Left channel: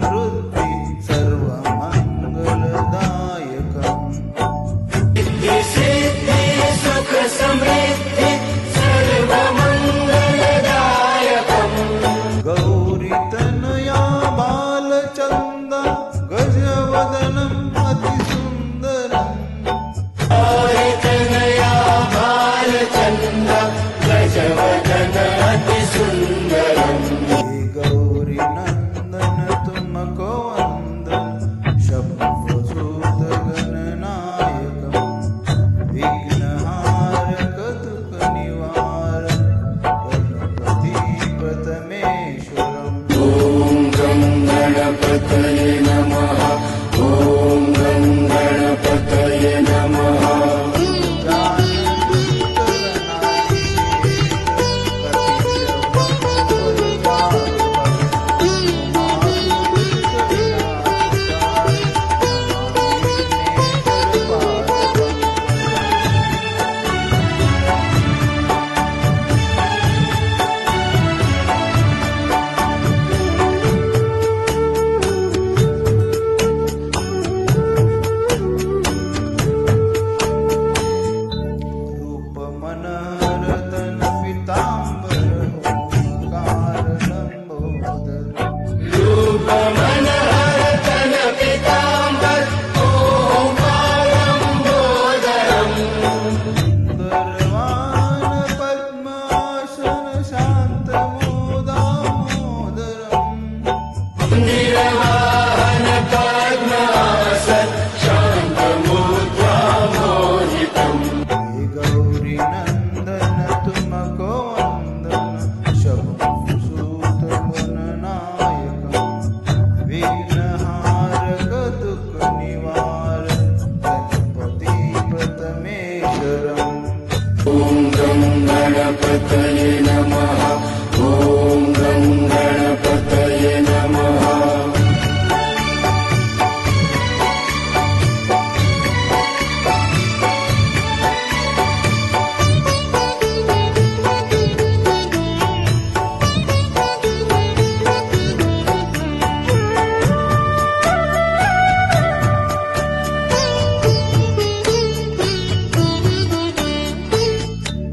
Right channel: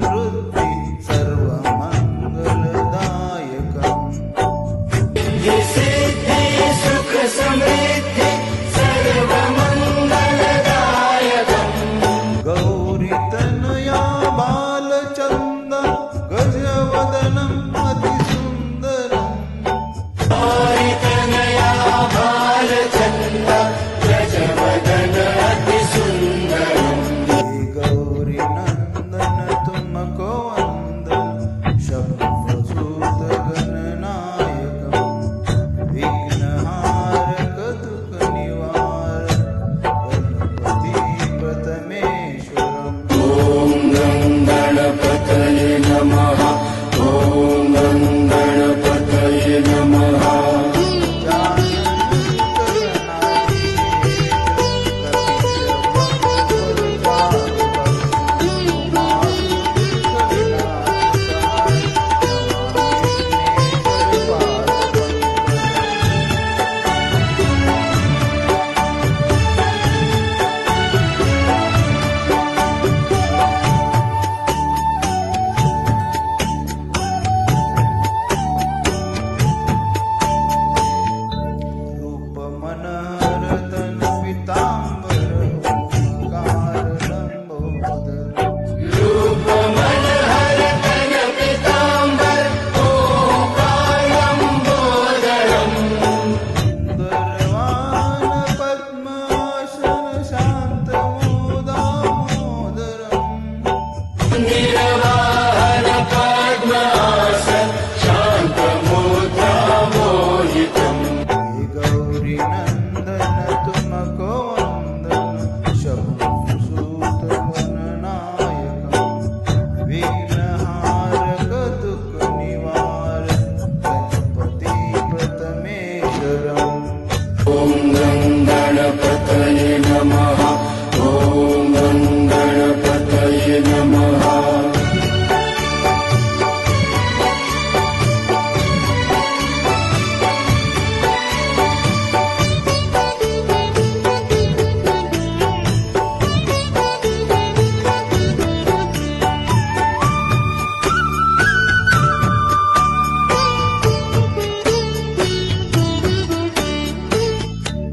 समृद्धि सर्वमङ्गलदायकम् सिद्धि सिद्धि सुख समृद्धि सर्वमङ्गलदायकम् गौरीतनया बालचन्द गजवदनम् अतिसुन्दरम् गौरीतनया बालचन्द गजवदन अतिसुन्दरम् हे गौरीनन्दन तुमको वन्दन शम्भुसुत गणनायकम् विघ्नहारक दुःख निवारक गणपति प्रथमेश्वरम् ॐ गं गणपतये नमः ॐ गं गणपतये नमः मनोरतन पीताम्बर ओंकार लंबोदर रूप मनोहर तन पीताम्बर ओंकार लंबोदरम् सुंदरवान पद्मासन शान्तमोदामोदरम् निर्वाहन पद्मासन शान्तमोदामोदितम् हे गौरीनन्दन तुमको वन्दन शम्भुसुत गणनायकम् विघ्नहारक दुःख निवारक गणपति प्रथमेश्वरम् ॐ गं गणपतये नमः ॐ गं गणपतये नमः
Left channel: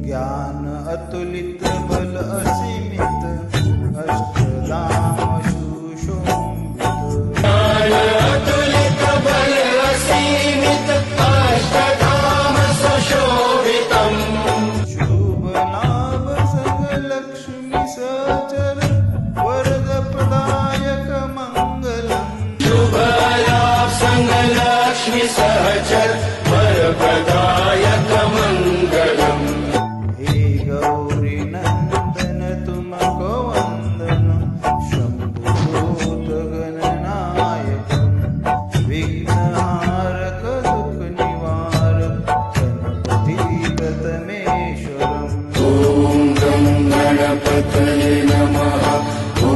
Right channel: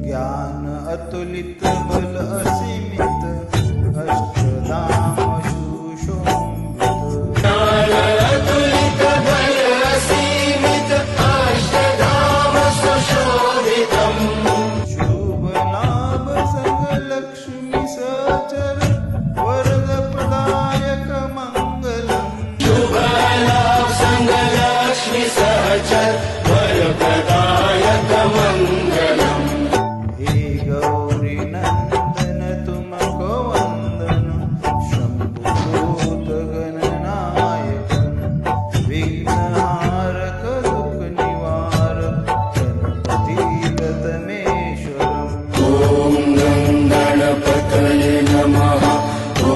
ज्ञान अतुलित बल असीमित अष्टधाम सुशोभित ज्ञान अतुलित बल असीमित अष्टधाम सुशोभितम् शुभ लाभ संग लक्ष्मी सहचर वरद प्रदायक मंगलम् शुभ लाभ संग लक्ष्मी सहचर वरप्रदायक मङ्गलम् हे गौरीनन्दन तुमको वन्दन शम्भुसुत गणनायकम् विघ्नहारक दुःख निवारक गणपति प्रथमेश्वरम् ॐ गं गणपतये नमः ॐ